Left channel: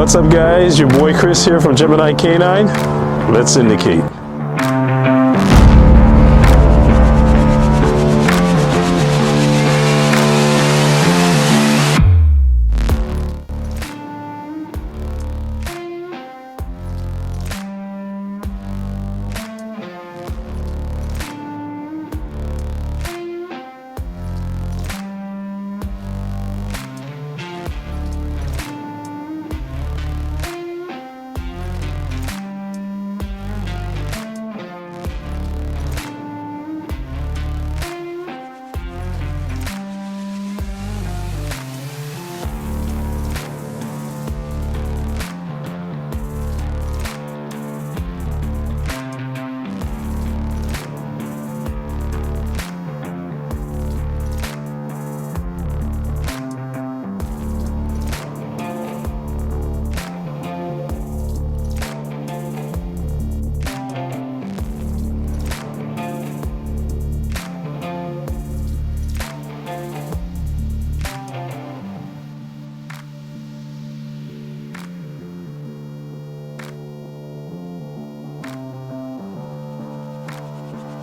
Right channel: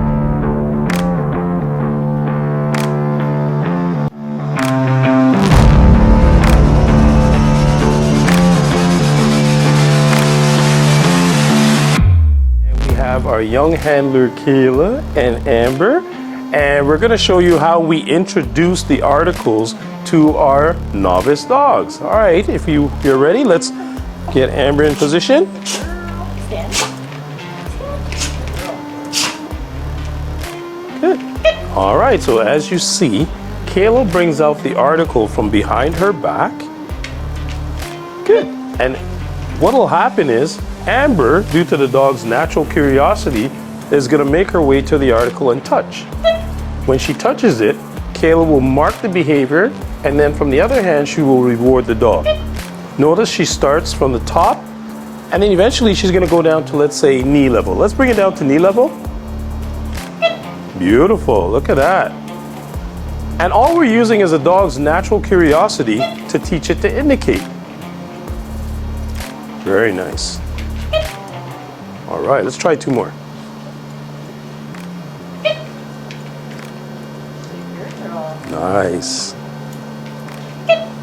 What's up, guys? Your boy Chris here from Gemini K9. Let's indicate. We have our young handler Kayla and Amber, and we're going to show you how we introduce the articles to our novice dogs. All right, if you're ready, let's get Amber in position. Good. All right, so as you see, Kayla brings out the article from behind her back. Good. And what will happen is Amber, due to the dog's natural curiosity, is going to make her way to the article and touch. When she touches it, Kayla will mark the behavior, and then from the other hand, she will reward the dog. Notice she starts from the top, and then eventually she's going to go down to, let's say, knee level. Let's bring it down to knee level. Beautiful, look at that. And all we're using is a dog's natural curiosity to teach it to indicate. Very nice. All right, let's try two more. Nice.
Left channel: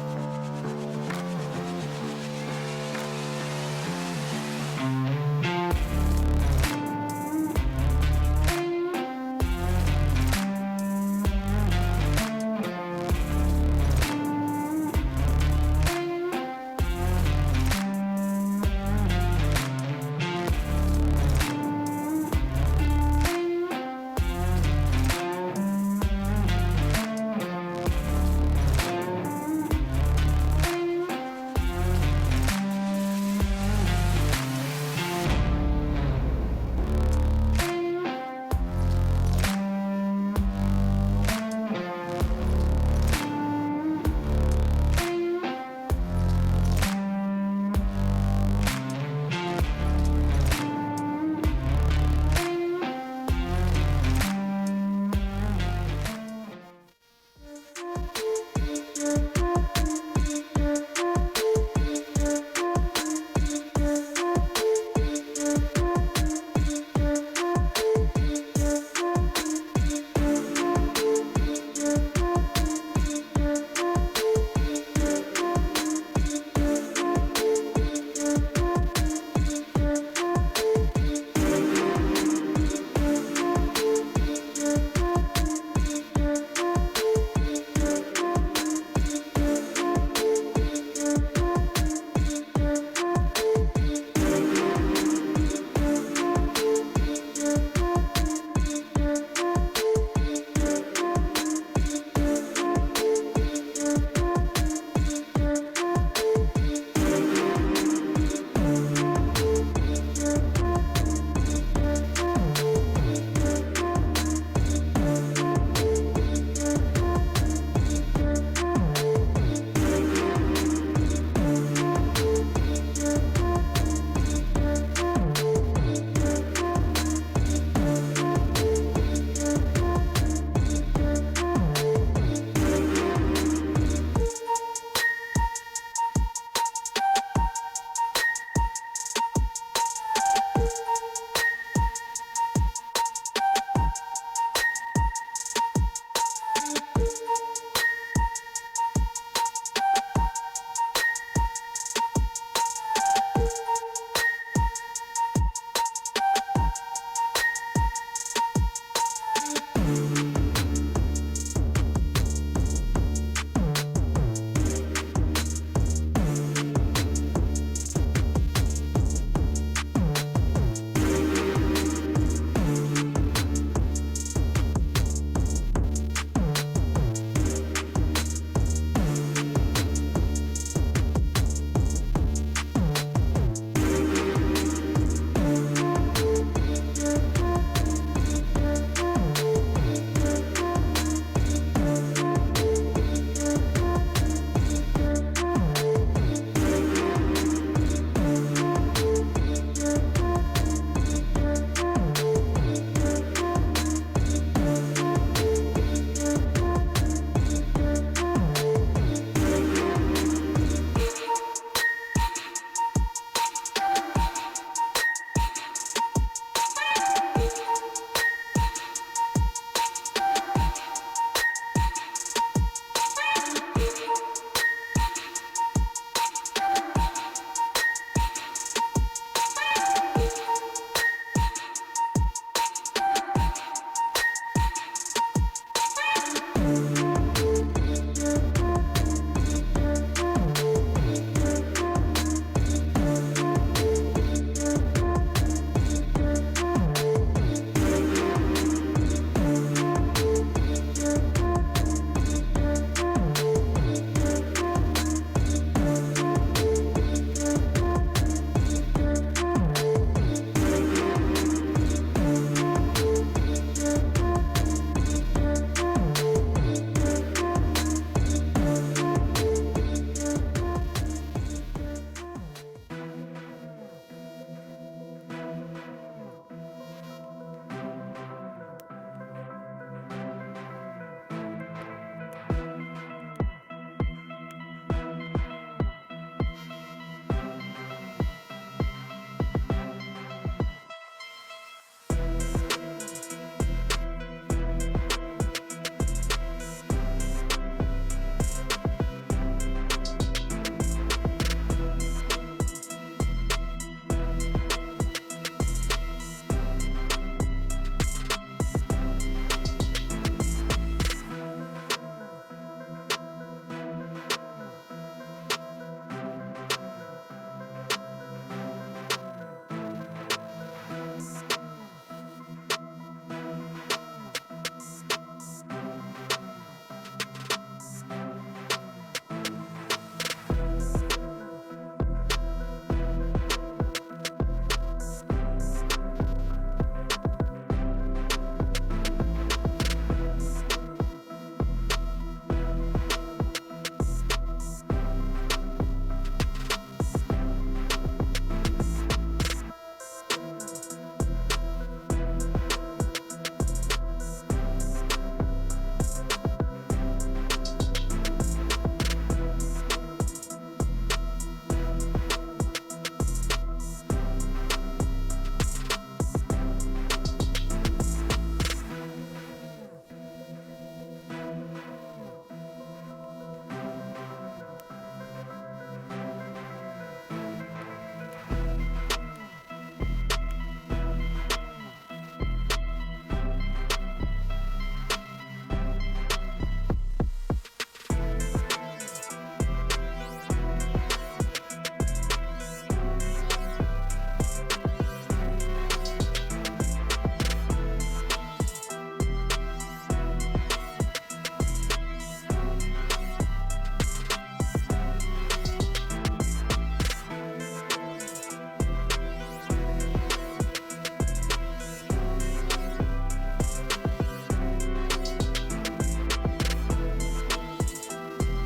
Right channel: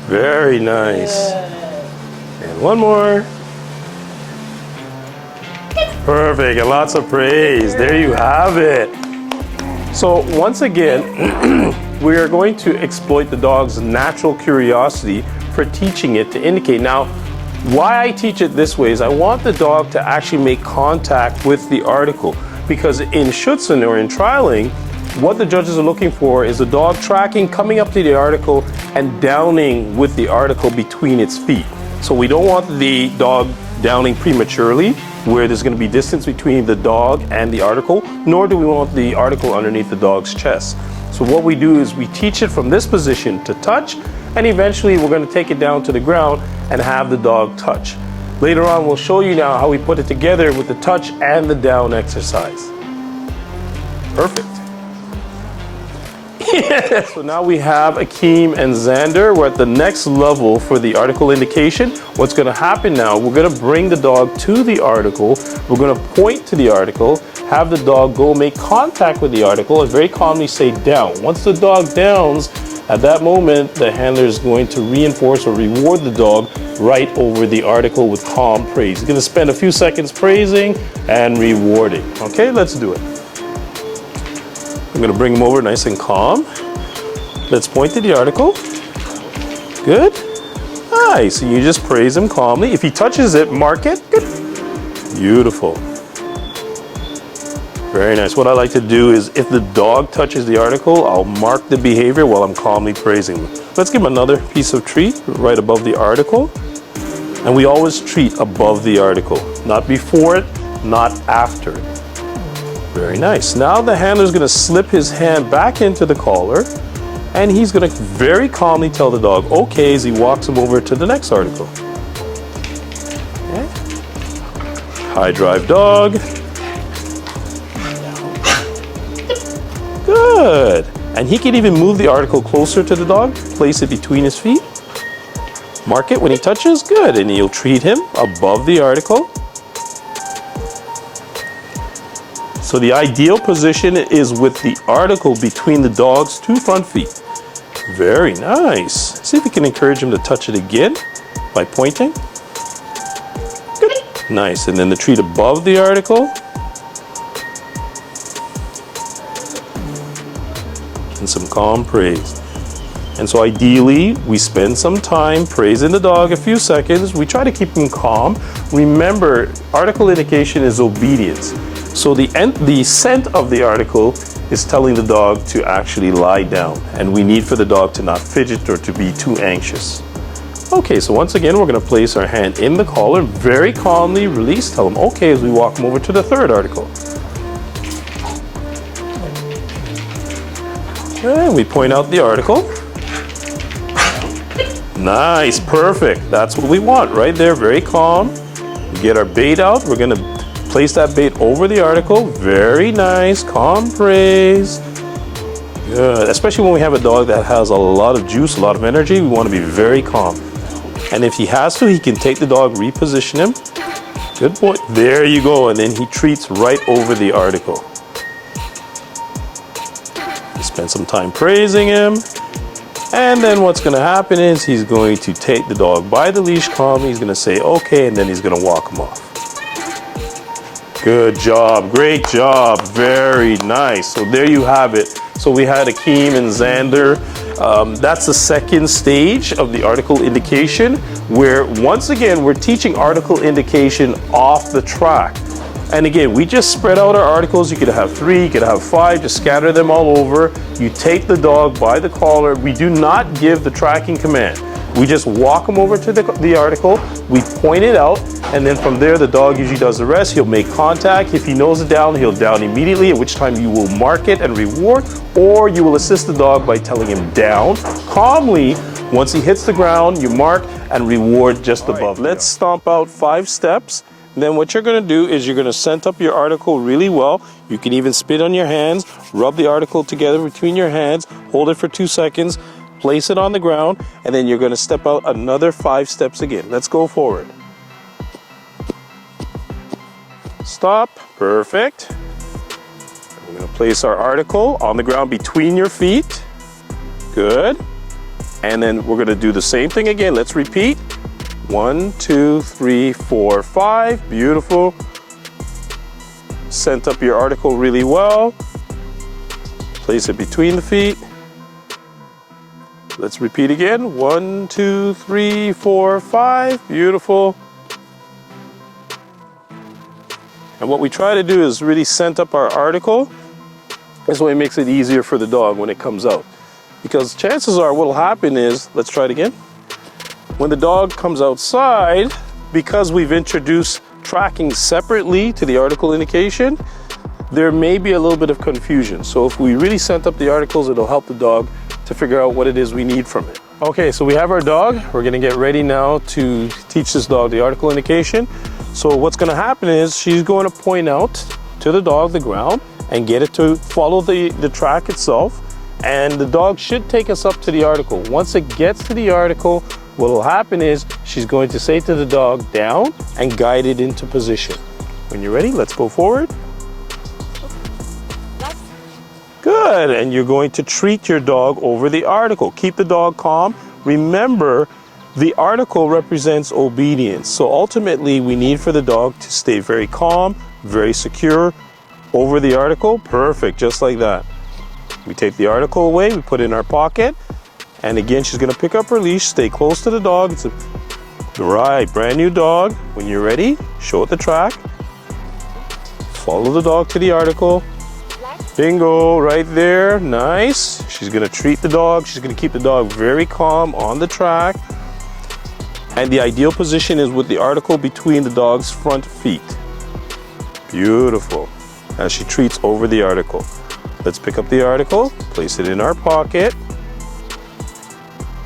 Very nice. And one more. Perfect, and lots of praise. There you have it. So once again, we are going to exploit the dog's natural curiosity for teaching it to indicate. Now, why I teach it this way is I want the dog to actually make contact with the article, because in Schutzen or in trialing, what the judges are looking for is the dog tracking, coming up to the article and downing with the article between its feet. So we don't want the dog downing prematurely, where there's going to be distance between the dog and the article, nor do we want the article underneath the dog's chest. So what we do is we teach it from this position to touch, and eventually we're going to take it down to the ground and have the dog touch. Later on, we'll show you now how we put it together with the touch and the down exercise. Perfect. So now we have Akeem and Xander. We're at the next level for the article indication. What's going to happen now, we're going to bring the dog to the article. We're going to point to the article, have the dog go make contact with the article, and very calmly say down. Once the dog downs, at that moment, the handler is going to reinforce or reward the dog right over the article with calm praise. He's going to spend a few seconds praising and rewarding. Okay, let's do it. I'm going to bring him over nice and calm. Let's point to the article. Good. Nice. And you just praise him calmly. If he touches it, mark it. Good. Beautiful. Very nice. What I like to do is if the dog touches the article, I'll mark the behavior while I'm calmly praising him. Let's give him another piece of treat right above the article. And we always treat above the article. Not before it, not after it. Very nice. Now the handler is going to slip his hand back into the collar, and he's going to very calmly tell the dog, okay, as he walks him over to the next article. Okay. High drive dog. Good. And he can even move the article closer to the dog, place it between his feet. Mark it when he touches. Good. And you'll treat him above the article. So the ideal position is with the article between the dog's two front feet. Very nice. See if you can encourage him to touch it again by pointing. Good. Nice. And then the treat above the article. And some calm praise. And so ideally, we spend some time praising the dog, a few seconds. We try to keep him calm. Remember, article indication is obedience. So the scent of the article is telling the dog to actually lie down, and we need for the dog to not fidget or to be too anxious. Okay, so once again, we're going to place our hand in the collar, very calmly release, tell him okay as we walk him over to the third article. And we point out the article. Nice, perfect. That's what we want right there, very calm. Get our bait out. We're going to place that bait over the article. Very nice, calm praise. Good, especially when we have a dog that has a lot of juice, a lot of energy, we want to be very calm. And if he has to, he can take the dog, reposition him. Good boy, there you go, and then he treats right over the article. Spend some time praising him. And then what's gonna happen is he's going to take the dog by the leash calmly. He's gonna say, okay, and then he's gonna walk him off. Good job, great job, very nice. So there you have it. So we had Akeem and Xander. That's the second stage of the article indication, where once again, we're teaching article indication off the track. And again, we just spread out our articles. You could have 3, you could have 5, just scatter them all over. You take the dog by the collar. We do not give the tracking command. We just walk him over to the article, we point it out, and then from there the dog usually does the rest. He'll make contact. If he knows it down, he'll down immediately, at which time you will mark it and reward, or you will assist the dog by telling him down calmly. Once he hits the ground, you mark and reward just above. Let's stomp out 5 steps. Then what you're gonna do is you're gonna scent up your article really well. You can even spit on your hands, rub the article together between your hands, hold it for 2 seconds, place it on the ground, and then you're gonna step out another 5 steps again. Let's go forward. Stop, perfect. We're gonna place our article on the ground between your feet. Good. And then we're gonna do the same thing again. Let's repeat. 1, 2, 3, 4, 5. Beautiful. Scent up your article really well. Place it between the feet. Let's repeat again. 1, 2, 3, 4, 5. Beautiful. And what we try to do is really scent up our article. This way it makes it easier for the dog when it comes out. Because chances are what'll happen is, let's try it again. When the dog comes outside, because we've introduced tracking separately to the article indication, there may be a little bit of confusion. So if we really scent up the articles, it'll help the dog to figure out what it is we need from it. Okay, so we have our dog. We're gonna get ready now to teach this dog the article indication. So what's gonna happen is she's going to point out to the dog the ground and get it to follow the track itself. And the dog should take us up to the article. Once it gets to the article, what will happen is she's going to say to the dog down and guide it into position. When you're ready, let's go forward. Good, and you're going to treat your dog over the article. Keep the dog calm. Remember, the article represents obedience. So ultimately, we need for the dog to stay very calm, very secure over the article. Perfect, just like that. We take the article away, we put it in our pocket, and again, she's gonna pick up her leash, stay close to the dog. It's right, brand new dog. When you're ready, show it the track. Follow the dog to the article. Bingo, right there, nice. She's gonna treat the dog. She's gonna keep the dog very calm on the track. And the ideal position is with the article between the dog's front feet. Beautiful, as she treats over the article. Let's pick up the article, place it in our pocket.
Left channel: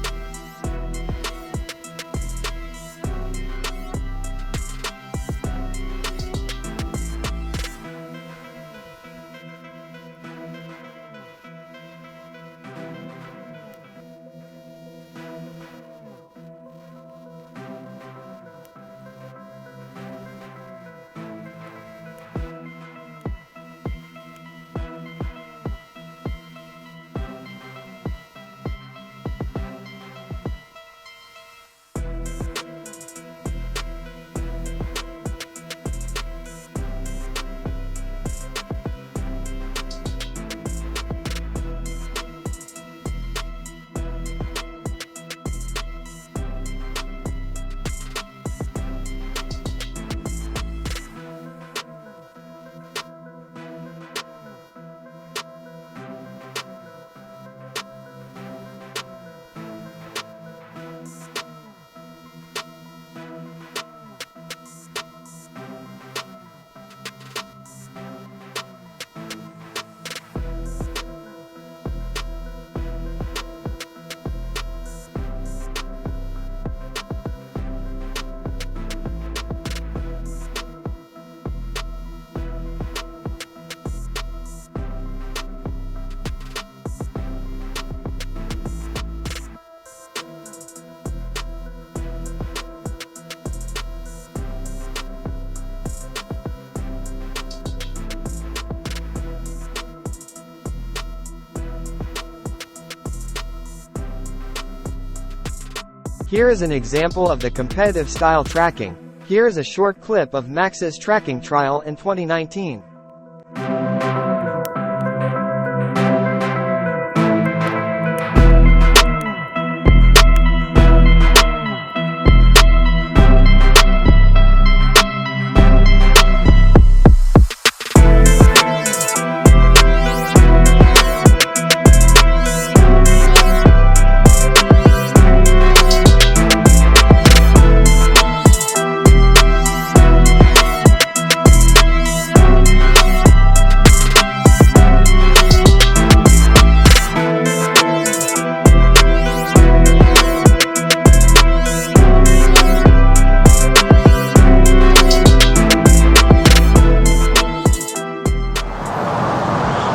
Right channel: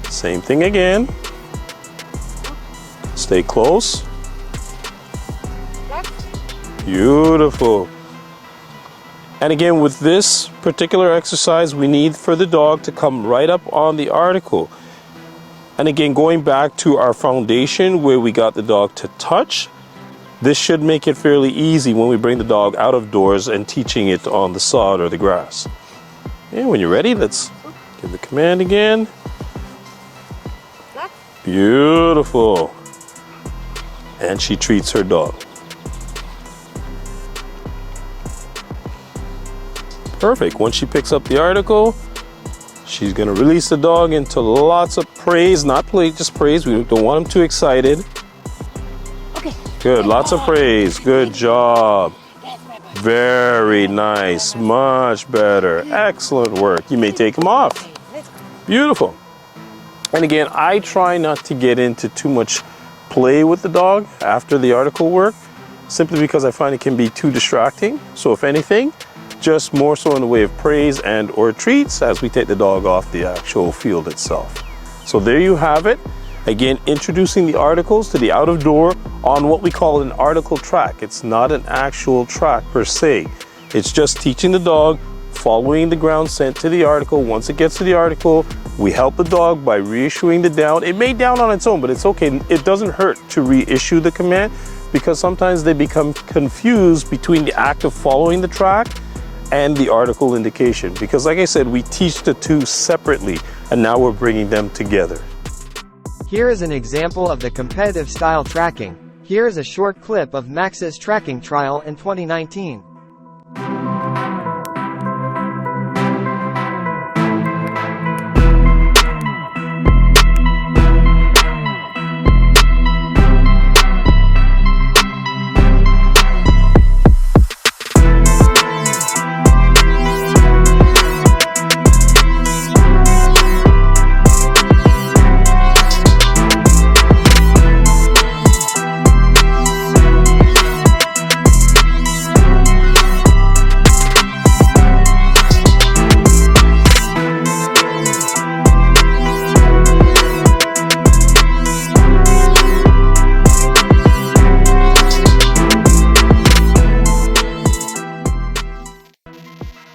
Same thing again. Stay close. Beautiful. And again, with this particular exercise, we need for the dog to come right up on the article. And again, going back to our foundation where we got the dog to touch, this should make it fairly easy when we bring the dog out of doors and teaching it on the sod or the grass. And when you're ready, let's give the command again. Beautiful. And she treats her dog. Perfect. Once she picks up the article, she's gonna release the dog into lots of praise, not play, just praise. We don't want him too excited. Okay. Good, lots of praise. Good job. Very nice, much better. Excellent work. You may take him off. Beautiful. And again, I try not to get into too much play with the dog after the article work, simply because I find it can be too distracting. So if anything, just more so in the way of praise and or treats as we take the dog off the actual field itself. So there you have it. Again, introducing the articles to the out of door on what we call an article track. It's not an actual track per se. It's just teaching the dog, following the ground scent to the article. Once it gets to the article, we help the dog by reissuing the down. It may down on its own, but it's okay. It doesn't hurt to reissue the command because sometimes they become confused between the act of following the track and the article indication. Because like I said, we teach the two separately, and now we're bringing them together. Here is an example of the competitive style tracking. Here is a short clip of Max's tracking trial in 2019.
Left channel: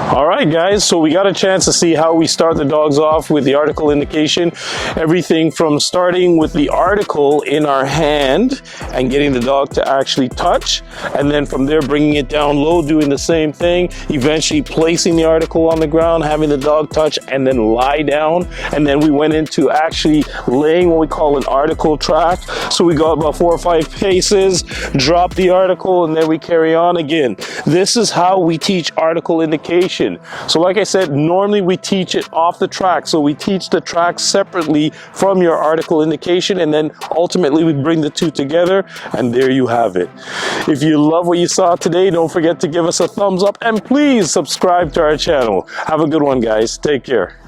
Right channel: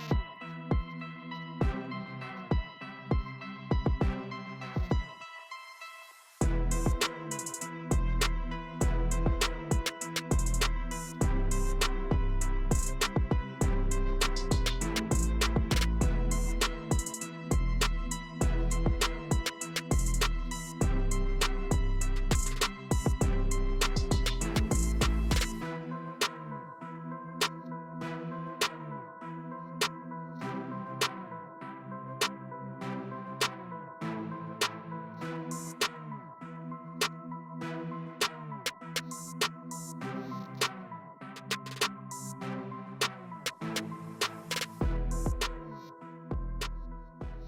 Alright guys, so we got a chance to see how we start the dogs off with the article indication. Everything from starting with the article in our hand and getting the dog to actually touch, and then from there bringing it down low, doing the same thing, eventually placing the article on the ground, having the dog touch and then lie down, and then we went into actually laying what we call an article track. So we go about 4 or 5 paces, drop the article, and then we carry on again. This is how we teach article indication. So like I said, normally we teach it off the track. So we teach the track separately from your article indication, and then ultimately we bring the two together, and there you have it. If you love what you saw today, don't forget to give us a thumbs up and please subscribe to our channel. Have a good one, guys. Take care.